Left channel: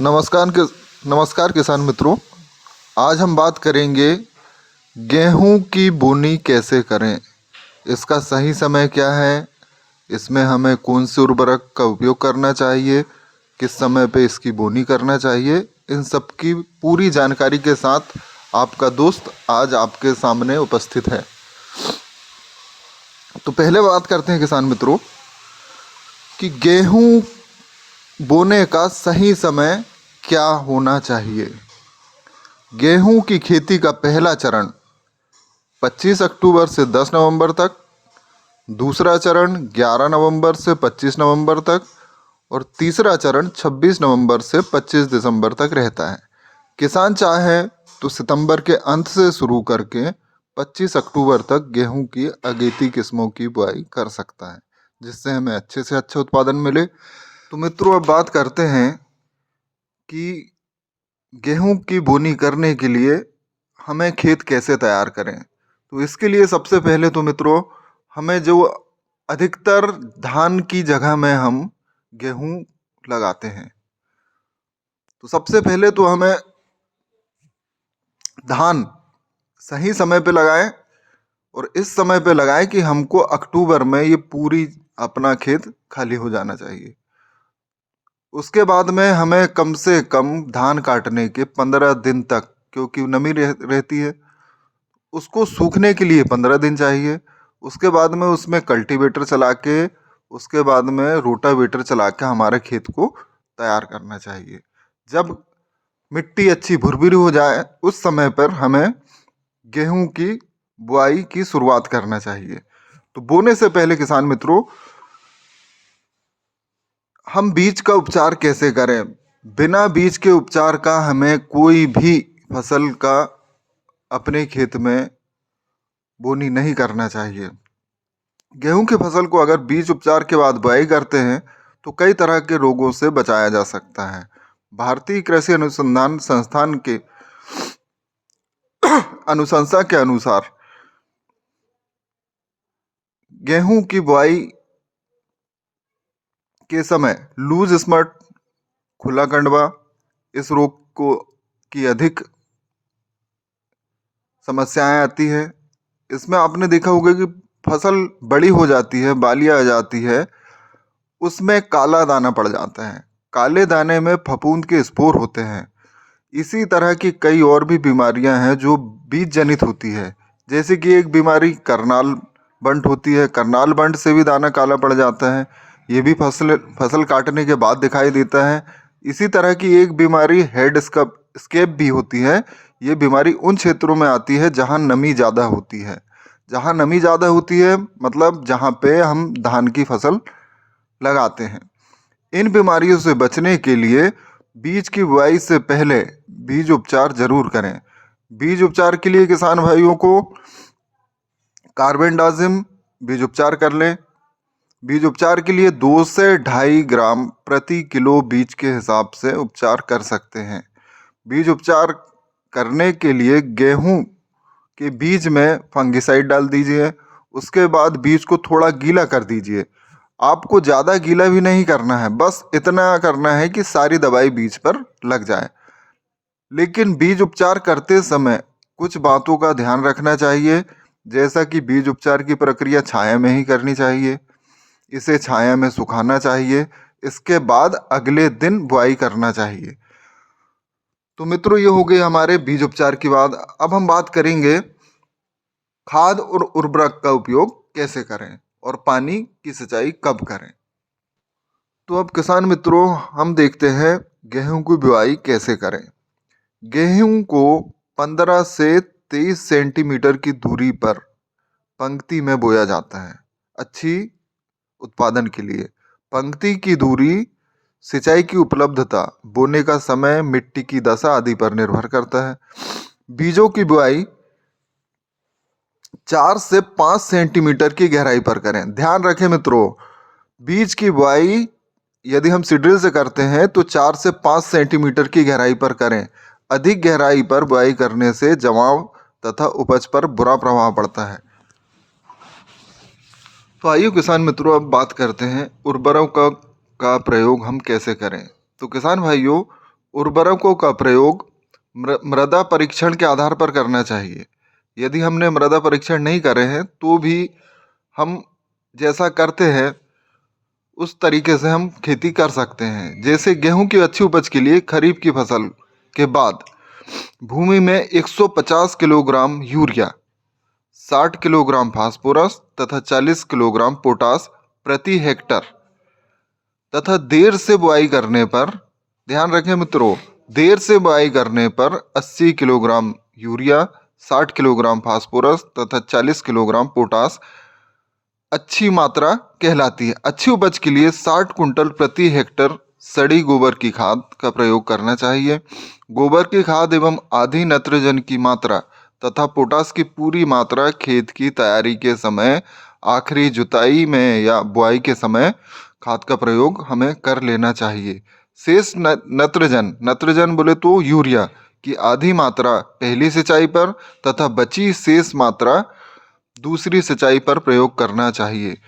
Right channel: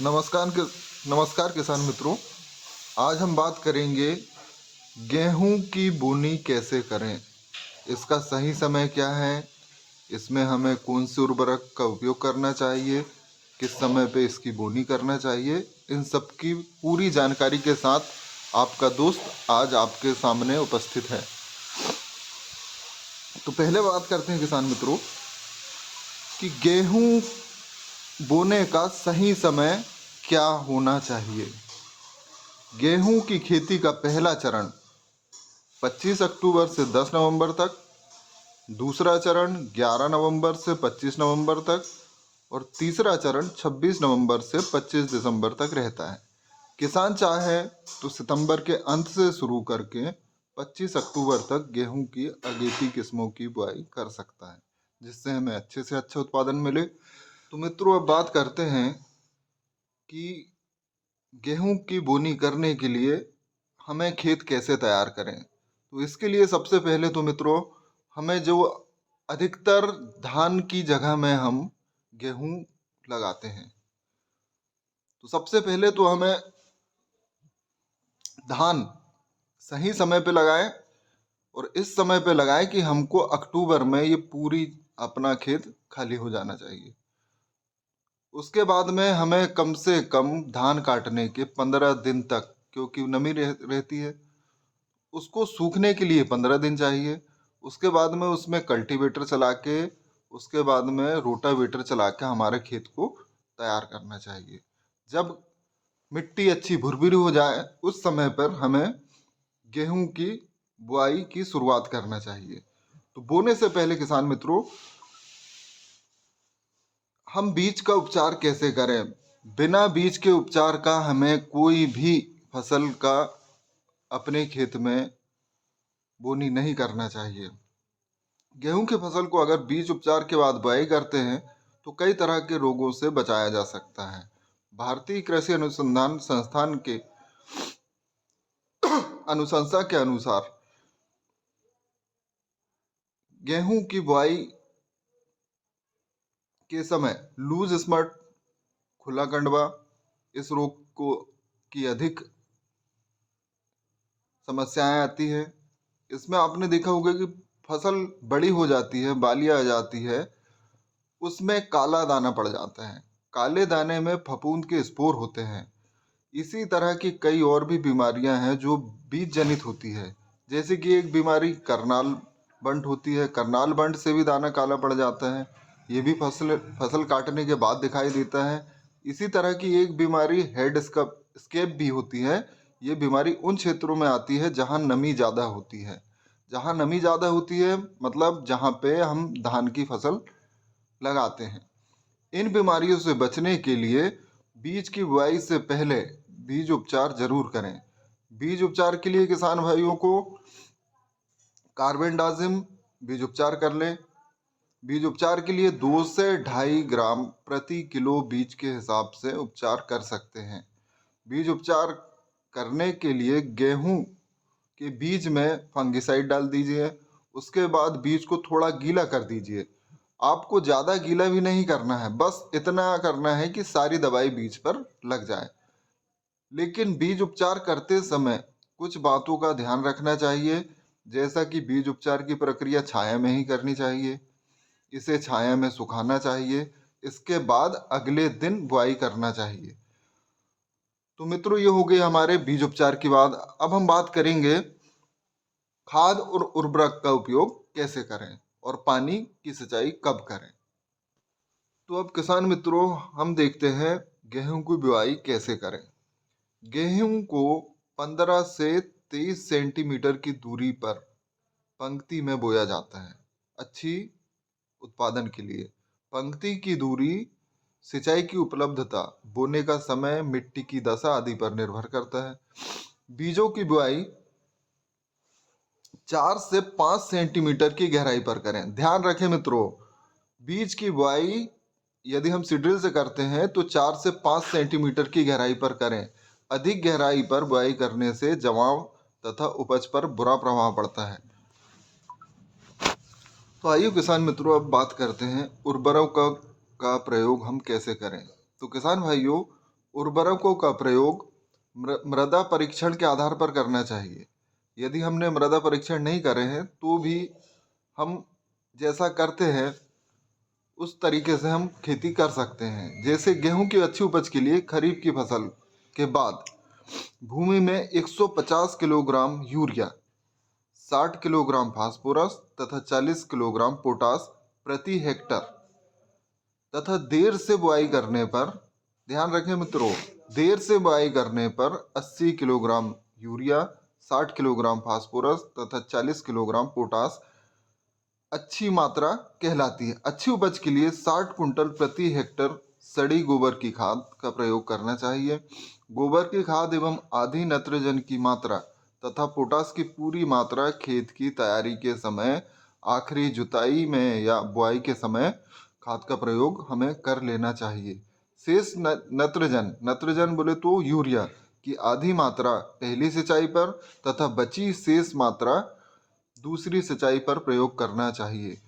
नमस्कार नमस्कार किसान मित्रों। आज हम बात करेंगे गेहूं की बोनी कैसे करें, इसका सही समय क्या है, इसमें हमें कौन से उर्वरक का उपयोग करना चाहिए, किस समय पे इसकी बोनी करना चाहिए। इन सब की पूरी जानकारी के साथ आपका दोस्त आज आपके सामने उपस्थित है। तो पहले बात करते हैं किसान मित्रों कि गेहूं बोने का सही समय क्या होना चाहिए। गेहूं की खेती का पहला चरण 25 अक्टूबर से 10 नवंबर तक, दूसरा चरण 11 नवंबर से 25 नवंबर तक और तीसरा चरण 26 नवंबर से 25 दिसंबर तक रहता है। किसान चाहे तो सितंबर के अंत से शुरू करके 25 अक्टूबर तक गेहूं की अगेती किस्मों की बुआई कर सकता है, जिससे हमें अच्छे से अच्छा उत्पादन मिले। तो मित्रों, अब बात करते हैं कि गेहूं की बोनी करने के लिए हमें खेत कैसे तैयार करें। तो इसके लिए सबसे पहले तो मित्रों, हमें जो अधिकतर धान की जगह में हम गेहूं लगाते हैं, तो सबसे पहले तो हमें धान सही समय पे लगाएं और इस समय पे लगाएं कि हमको अक्टूबर में ये पूरी अपना खेत खाली हो जाना चाहिए। उसके बाद में हमें कम से कम धान काटने के 15 दिन तक, क्योंकि नमी रहती है, उसको सूखने के लिए 15 दिन चाहिए। उसके बाद में उसमें कल्टीवेटर चला के, उसके बाद में रोटावेटर चला के हमारे खेत को तैयार करना चाहिए। जब मिट्टी अच्छी भुरभुरी हो जाए उस समय पर हमें गेहूं की बुआई की शुरुआत करना चाहिए। तो बोने से पहले किसान मित्रों, हम बीज का उपचार कैसे करें। बिना बीज के उपचार का हमें कोई भी फसल का अपने खेत में बोनी नहीं करना चाहिए। गेहूं की फसल को अगर बीज उपचार के बाद बुआई करते हैं तो कई तरह के रोगों से बचाया जा सकता है। भारतीय कृषि अनुसंधान संस्थान के अनुशंसा के अनुसार गेहूं की बुआई के समय लूज स्पॉट, खुला कंडवा, इस रोग को की अधिक समस्याएं आती है। इसमें आपने देखा होगा कि फसल बड़ी हो जाती है, बालियां आ जाती है, उसमें काला दाना पड़ जाता है। काले दाने में फफूंद के स्पोर होते हैं। इसी तरह की कई और भी बीमारियां हैं जो बीज जनित होती है। जैसे कि एक बीमारी करनाल बंट होती है, करनाल बंट से भी दाना काला पड़ जाता है। ये भी फसल फसल काटने के बाद दिखाई देता है। इसी तरह की एक बीमारी हेड स्केप भी होती है। ये बीमारी उन क्षेत्रों में आती है जहाँ नमी ज़्यादा होती है। जहाँ नमी ज़्यादा होती है मतलब जहाँ पे हम धान की फसल लगाते हैं। इन बीमारियों से बचने के लिए बीज की बुआई से पहले बीज उपचार जरूर करें। बीज उपचार के लिए किसान भाइयों को कार्बेंडाजिम बीज उपचार कर लें। बीज उपचार के लिए 2 से 2.5 ग्राम प्रति किलो बीज के हिसाब से उपचार कर सकते हैं। बीज उपचार करने के लिए गेहूं के बीज में फंगिसाइड डाल दीजिए। उसके बाद बीज को थोड़ा गीला कर दीजिए। आपको ज़्यादा गीला भी नहीं करना है, बस इतना करना है कि सारी दवाई बीज पर लग जाए। लेकिन बीज उपचार करते समय कुछ बातों का ध्यान रखना चाहिए, जैसा कि बीज उपचार की प्रक्रिया छाया में ही करनी चाहिए। इसे छाया में सुखाना चाहिए। इसके बाद अगले दिन बुआई करना चाहिए। तो मित्रों, ये हो गई हमारे बीज उपचार की बात। अब हम बात करेंगे खाद और उर्वरक का उपयोग कैसे करें और पानी की सिंचाई कब करें। तो अब किसान मित्रों, हम देखते हैं गेहूं की बुआई कैसे करें। गेहूं को 15 से 23 सेंटीमीटर की दूरी पर पंक्ति में बोया जाता है, अच्छी उत्पादन के लिए। पंक्ति की दूरी, सिंचाई की उपलब्धता, बोने का समय, मिट्टी की दशा आदि पर निर्भर करता है। बीजों की बुआई 4 से 5 सेंटीमीटर की गहराई पर करें। ध्यान रखें मित्रों, बीज की बुआई यदि हम सीड्रिल से करते हैं तो 4 से 5 सेंटीमीटर की गहराई पर करें। अधिक गहराई पर बुआई करने से जमाव तथा उपज पर बुरा प्रभाव पड़ता है। तो आइए किसान मित्रों, अब बात करते हैं उर्वरकों का प्रयोग हम कैसे करें। तो किसान भाइयों, उर्वरकों का प्रयोग मृदा परीक्षण के आधार पर करना चाहिए। यदि हमने मृदा परीक्षण नहीं करे हैं तो भी हम जैसा करते हैं उस तरीके से हम खेती कर सकते हैं। जैसे गेहूं की अच्छी उपज के लिए खरीफ की फसल के बाद भूमि में 150 किलोग्राम यूरिया, 60 किलोग्राम फास्फोरस तथा 40 किलोग्राम पोटास प्रति हेक्टर तथा देर से बुआई करने पर, ध्यान रखें मित्रों, देर से बुआई करने पर 80 किलोग्राम यूरिया, 60 किलोग्राम फास्फोरस तथा 40 किलोग्राम पोटास अच्छी मात्रा कहलाती है। अच्छी उपज के लिए 60 कुंटल प्रति हेक्टर सड़ी गोबर की खाद का प्रयोग करना चाहिए। गोबर की खाद एवं आधी नाइट्रोजन की मात्रा तथा पोटास की पूरी मात्रा खेत की तैयारी के समय, आखिरी जुताई में या बुआई के समय खाद का प्रयोग हमें कर लेना चाहिए। शेष नाइट्रोजन बोले तो यूरिया की आधी मात्रा पहली सिंचाई पर तथा बची शेष मात्रा दूसरी सिंचाई पर प्रयोग करना चाहिए।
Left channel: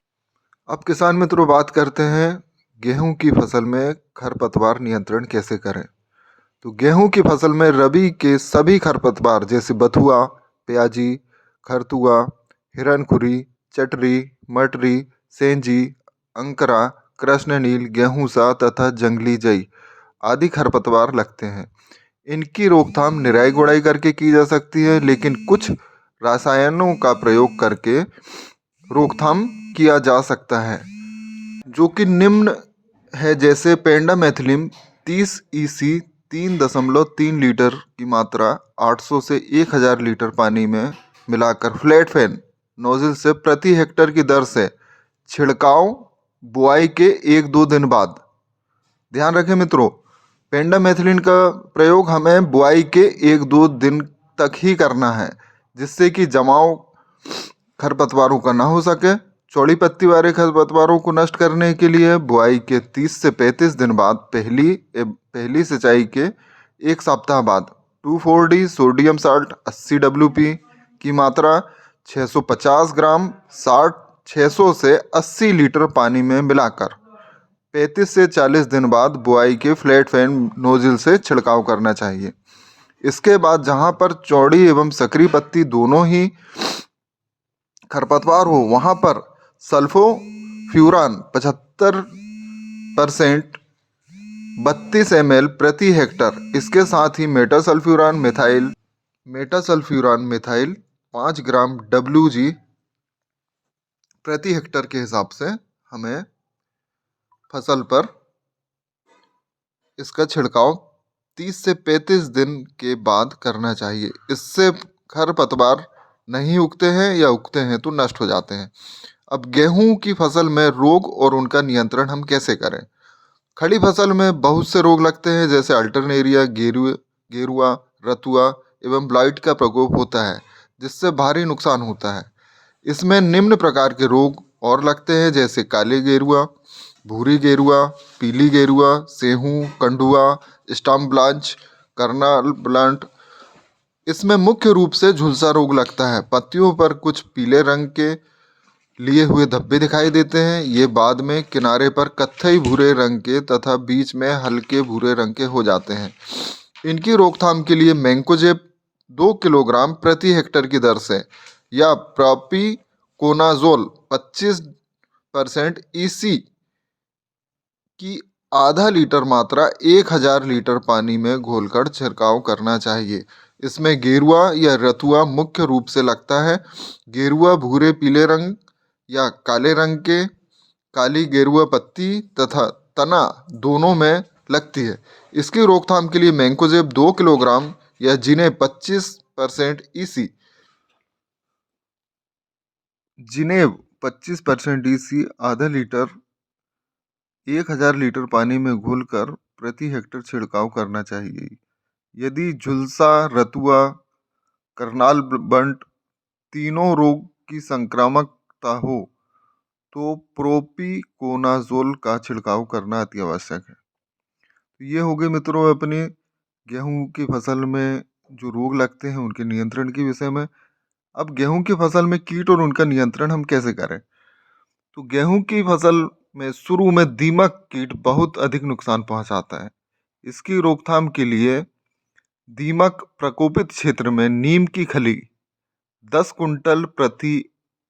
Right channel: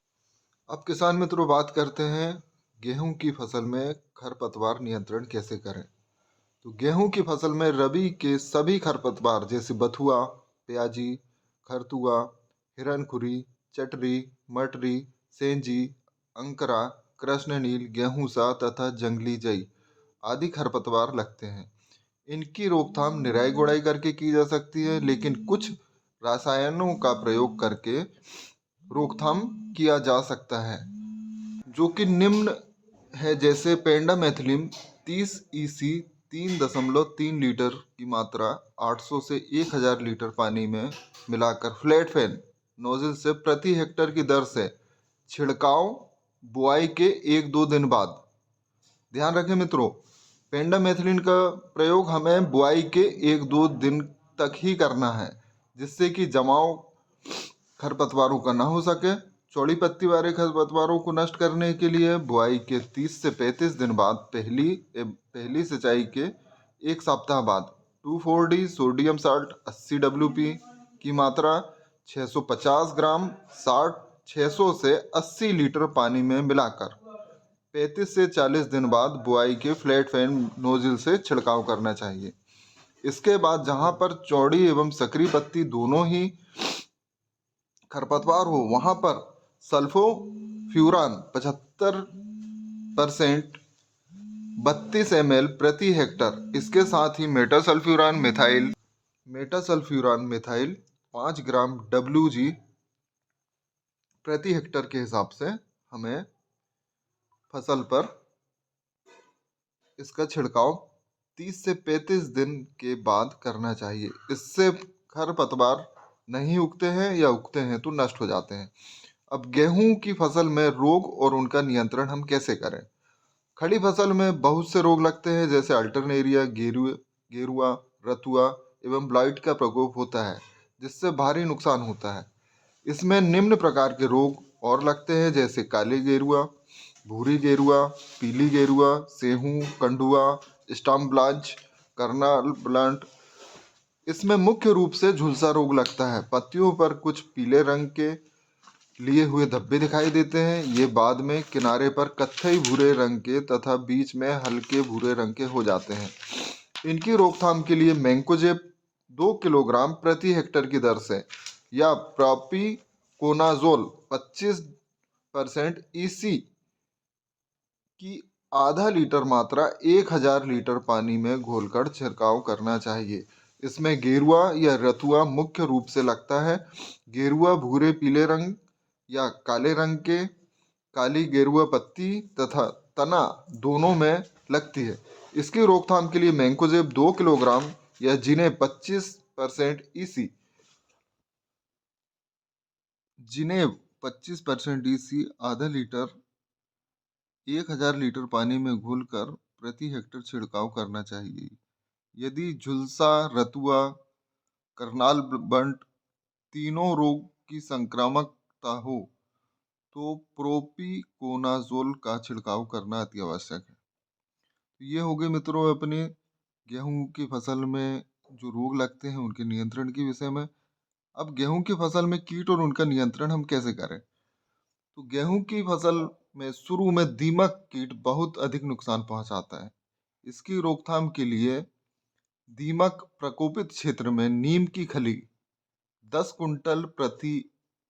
अब किसान मित्रों बात करते हैं गेहूं की फसल में खरपतवार नियंत्रण कैसे करें। तो गेहूं की फसल में रबी के सभी खरपतवार जैसे बथुआ, प्याजी, खरतुआ, हिरनखुरी, चटरी, मटरी, सेंजी, अंकरा, कृष्णनील, गेहूंसा तथा जंगली जई आदि खरपतवार लगते हैं। इनकी रोकथाम निराई गुड़ाई करके की जा सकती है, लेकिन कुछ रसायनों का प्रयोग करके रोकथाम किया जा सकता है, जो कि निम्न है। जैसे पेंडामेथिलिन 30 EC 3.3 लीटर की मात्रा 800 से 1000 लीटर पानी में मिलाकर फ्लैट फैन नोजल से प्रति हेक्टर की दर से छिड़काव बुआई के 1-2 दिन बाद। ध्यान रखें मित्रों, पेंडामेथिलिन का प्रयोग हमें बुआई के 1-2 दिन तक ही करना है, जिससे कि जमाव खरपतवारों का ना हो सके। चौड़ी पत्ती वाले खरपतवारों को नष्ट करने के लिए बुआई के 30 से 35 दिन बाद पहली सिंचाई के एक सप्ताह बाद 2,4-D सोडियम साल्ट 80 WP की मात्रा 650 ग्राम 600 से 80 लीटर पानी में मिलाकर 35 से 40 दिन बाद बुआई के फ्लैट फैन नोजल से छिड़काव करना चाहिए। इसके बाद जहां पर चौड़ी एवं सकरी पत्ती दोनों ही खरपतवार हो वहां पर सल्फोफ्यूरान 75% 32 ml प्रति हेक्टर, इसके साथ ही मेटासल्फ्यूरान मिथाइल 5 ग्राम WG प्रति हेक्टर के हिसाब से हमें फसल पर इसका छिड़काव 30 से 35 दिन के बाद करना चाहिए। इससे खरपतवार नहीं उगते हैं या उगते हैं तो नष्ट हो जाते हैं। अब गेहूं की फसल में रोग और उनका नियंत्रण हम कैसे करें। खड़ी फसल में बहुत से रोग लगते हैं, जैसे अल्टरनेरिया, गेरुआ, रतुआ एवं ब्लाइट का प्रकोप होता है, जिससे भारी नुकसान होता है। इसमें निम्न प्रकार के रोग और लगते हैं, जैसे काले गेरुआ, भूरी गेरुआ, पीली गेरुआ, सेहू, कंडुआ, स्टम्प ब्लांच, कर्नाल ब्लांट। इसमें मुख्य रूप से झुलसा रोग लगता है। पत्तियों पर कुछ पीले रंग के लिए हुए धब्बे दिखाई देते हैं। ये बाद में किनारे पर कत्थई भूरे रंग के तथा बीच में हल्के भूरे रंग के हो जाते हैं। इनकी रोकथाम के लिए मैंकोजेब 2 किलोग्राम प्रति हेक्टर की दर से या प्रोपिकोनाजोल 25% EC की आधा लीटर मात्रा 1000 लीटर पानी में घोलकर छिड़काव करना चाहिए। इसमें गेरुआ या रतुआ मुख्य रूप से लगता है। गेरुआ भूरे पीले रंग या काले रंग के काली गेरुआ पत्ती तथा तना दोनों में लगती है। इसकी रोकथाम के लिए मैंकोजेब 2 किलोग्राम या जिन्हें 25% EC आधा लीटर 1000 लीटर पानी में घोलकर प्रति हेक्टर छिड़काव करना चाहिए। यदि झुलसा, रतुआ, करनाल बंट तीनों रोग की संक्रामकता हो तो प्रोपिकोनाजोल का छिड़काव करना अति आवश्यक है। ये हो गए मित्रों अपने गेहूं की फसल में जो रोग लगते हैं उनके नियंत्रण के विषय में। अब गेहूं की फसल में कीट और उनका नियंत्रण हम कैसे करें। तो गेहूं की फसल में शुरू में दीमक कीट बहुत अधिक नुकसान पहुंचाता है। इसकी रोकथाम के लिए दीमक प्रकोपित क्षेत्र में नीम की खली 10 कुंटल प्रति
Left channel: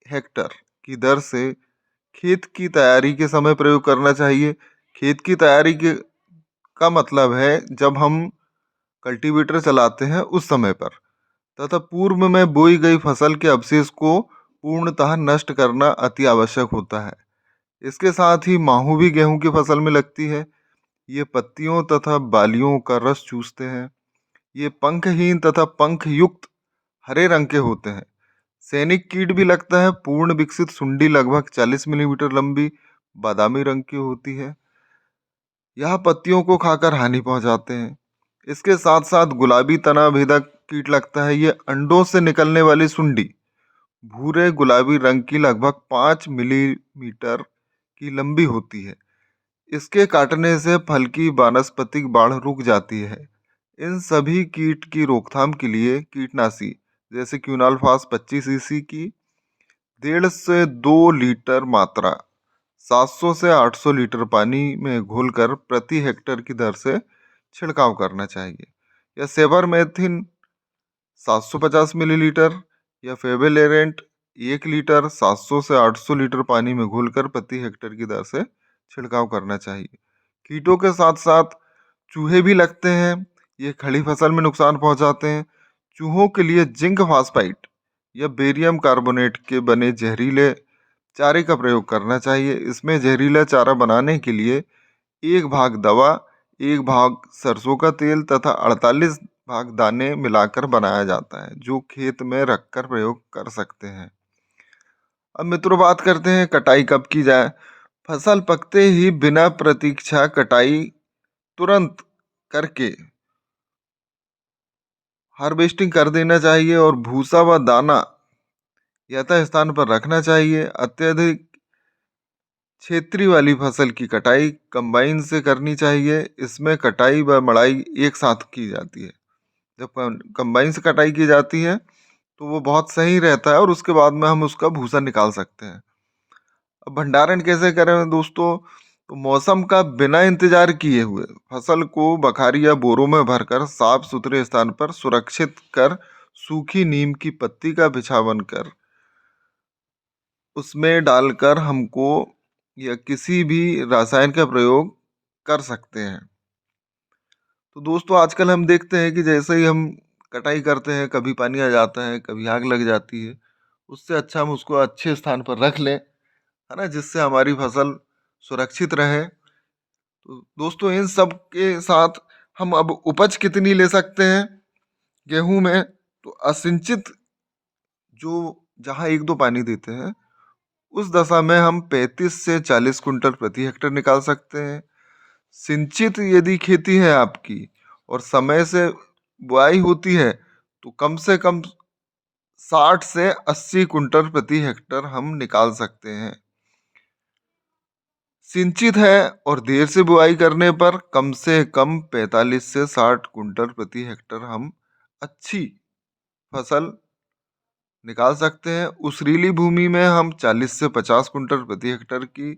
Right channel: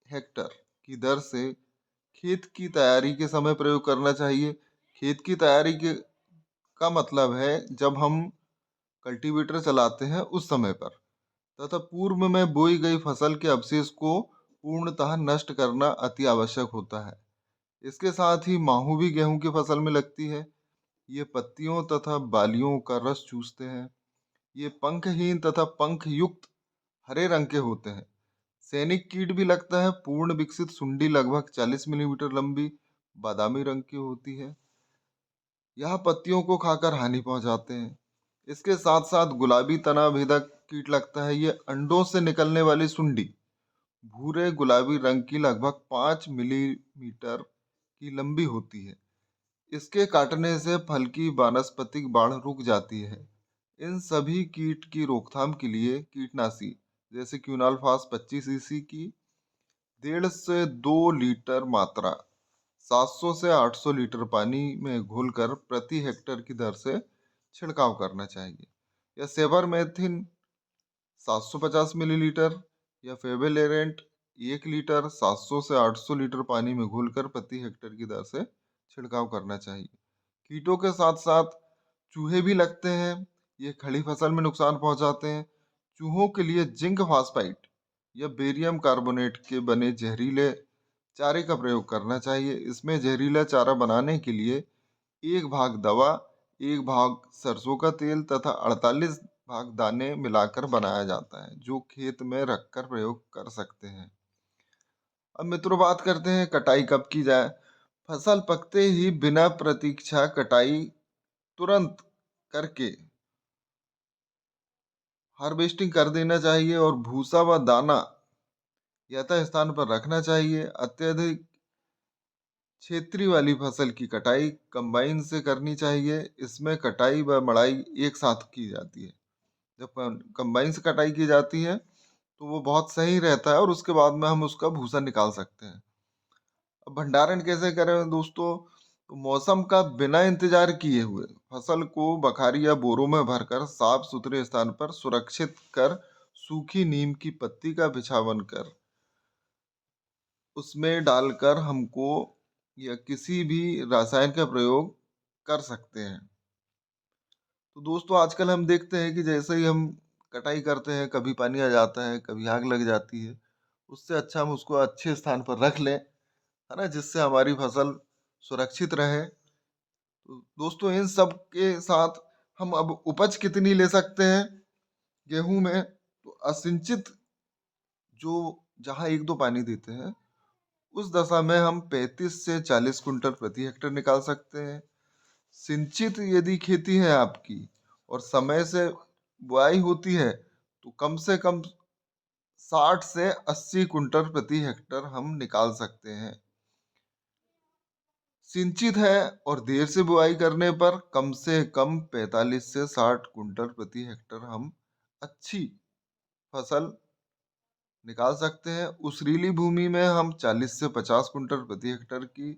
हेक्टर की दर से खेत की तैयारी के समय प्रयोग करना चाहिए। खेत की तैयारी के का मतलब है जब हम कल्टीवेटर चलाते हैं उस समय पर, तथा पूर्व में बोई गई फसल के अवशेष को पूर्णतः नष्ट करना अति आवश्यक होता है। इसके साथ ही माहू भी गेहूं की फसल में लगती है। ये पत्तियों तथा बालियों का रस चूसते हैं। ये पंखहीन तथा पंख युक्त हरे रंग के होते हैं। सैनिक कीट भी लगता है। पूर्ण विकसित सुंडी लगभग 40 मिलीमीटर लंबी बादामी रंग की होती है। यह पत्तियों को खाकर हानि पहुंचाते हैं। इसके साथ साथ गुलाबी तना भेदक कीट लगता है। ये अंडों से निकलने वाली सुंडी भूरे गुलाबी रंग की लगभग 5 मिलीमीटर की लंबी होती है। इसके काटने से फल की वानस्पतिक बाढ़ रुक जाती है। इन सभी कीट की रोकथाम के लिए कीटनाशी जैसे क्यूनाल्फास 25 सीसी की 1.5 से 2 लीटर मात्रा 700 से 800 लीटर पानी में घोलकर प्रति हेक्टर की दर से छिड़काव करना चाहिए। या सेबरमेथ्रिन 750 मिलीलीटर या फेविलेरेंट 1 लीटर 700 से 800 लीटर पानी में घोलकर प्रति हेक्टर की दर से छिड़काव करना चाहिए। कीटों के साथ साथ चूहे भी लगते हैं। ये खड़ी फसल में नुकसान पहुंचाते हैं। चूहों के लिए जिंक फास्फाइड या बेरियम कार्बोनेट के बने जहरीले चारे का प्रयोग करना चाहिए। इसमें जहरीला चारा बनाने के लिए 1 भाग दवा, 1 भाग सरसों का तेल तथा 48 भाग दाने मिलाकर बनाया जाता है, जो खेत में रखकर प्रयोग कर सकते हैं। अब मित्रों बात करते हैं कटाई कब की जाए। फसल पकते ही बिना प्रतीक्षा कटाई तुरंत करके हार्वेस्टिंग कर देना चाहिए और भूसा व दाना यथा स्थान पर रखना चाहिए। अत्यधिक क्षेत्रीय वाली फसल की कटाई कंबाइन से करनी चाहिए। इसमें कटाई व मड़ाई एक साथ की जाती है। जब कंबाइन से कटाई की जाती है तो वो बहुत सही रहता है और उसके बाद में हम उसका भूसा निकाल सकते हैं। अब भंडारण कैसे करें दोस्तों? तो मौसम का बिना इंतजार किए हुए फसल को बखारी या बोरों में भरकर साफ सुथरे स्थान पर सुरक्षित कर सूखी नीम की पत्ती का बिछावन कर उसमें डालकर हमको या किसी भी रसायन का प्रयोग कर सकते हैं। तो दोस्तों आजकल हम देखते हैं कि जैसे ही हम कटाई करते हैं कभी पानी आ जाता है, कभी आग लग जाती है। उससे अच्छा हम उसको अच्छे स्थान पर रख लें, है ना, जिससे हमारी फसल सुरक्षित रहे। तो दोस्तों इन सब के साथ हम अब उपज कितनी ले सकते हैं गेहूं में? तो असिंचित जो जहाँ 1-2 पानी देते हैं उस दशा में हम 35 से 40 कुंटल प्रति हेक्टर निकाल सकते हैं। सिंचित यदि खेती है आपकी और समय से बुआई होती है तो कम से कम 60 से 80 कुंटल प्रति हेक्टर हम निकाल सकते हैं। सिंचित है और देर से बुआई करने पर कम से कम 45 से 60 कुंटल प्रति हेक्टर हम अच्छी फसल निकाल सकते हैं। उस भूमि में हम 40 से 50 कुंटल प्रति हेक्टर की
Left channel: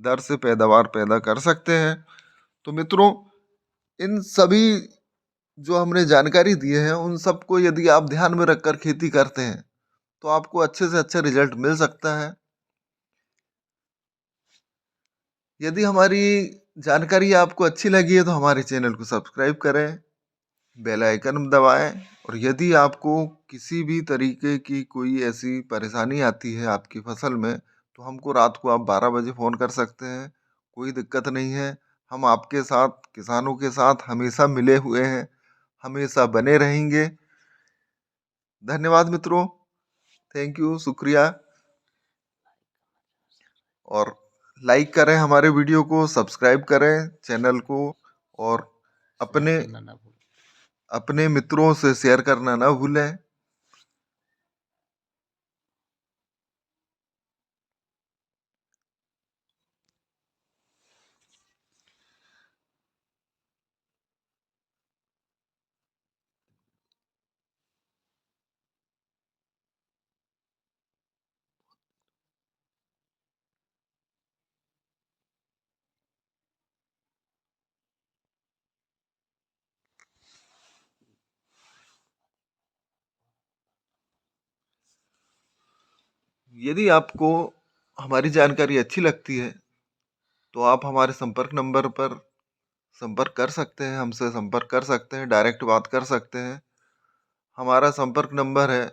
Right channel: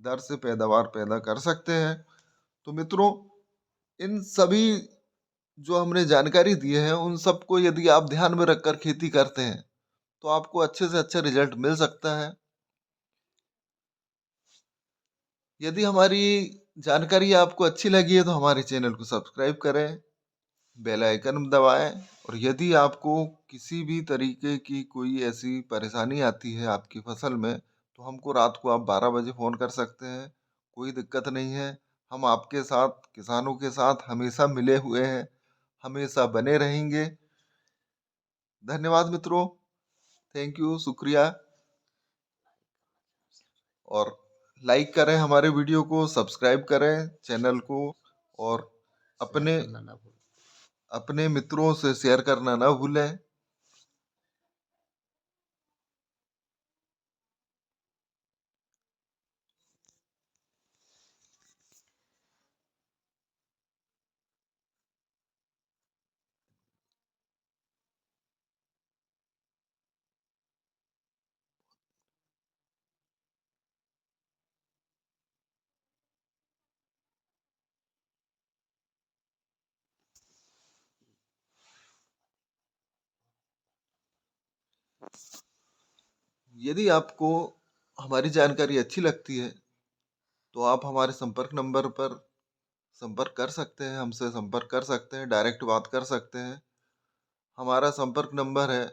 दर से पैदावार पैदा कर सकते हैं। तो मित्रों इन सभी जो हमने जानकारी दी है उन सबको यदि आप ध्यान में रखकर खेती करते हैं तो आपको अच्छे से अच्छा रिजल्ट मिल सकता है। यदि हमारी जानकारी आपको अच्छी लगी है तो हमारे चैनल को सब्सक्राइब करें, बेल आइकन दबाएं। और यदि आपको किसी भी तरीके की कोई ऐसी परेशानी आती है आपकी फसल में तो हमको रात को आप 12 बजे फ़ोन कर सकते हैं। कोई दिक्कत नहीं है। हम आपके साथ किसानों के साथ हमेशा मिले हुए हैं, हमेशा बने रहेंगे। धन्यवाद मित्रों। थैंक यू, शुक्रिया। और लाइक करें हमारे वीडियो को, सब्सक्राइब करें चैनल को और अपने अपने मित्रों से शेयर करना ना भूलें। यदि आपको हमारी जानकारी अच्छी लगती है तो आप हमारे संपर्क नंबर पर संपर्क कर सकते हैं, हमसे संपर्क कर सकते हैं, डायरेक्ट बात कर सकते हैं। हमारा संपर्क नंबर है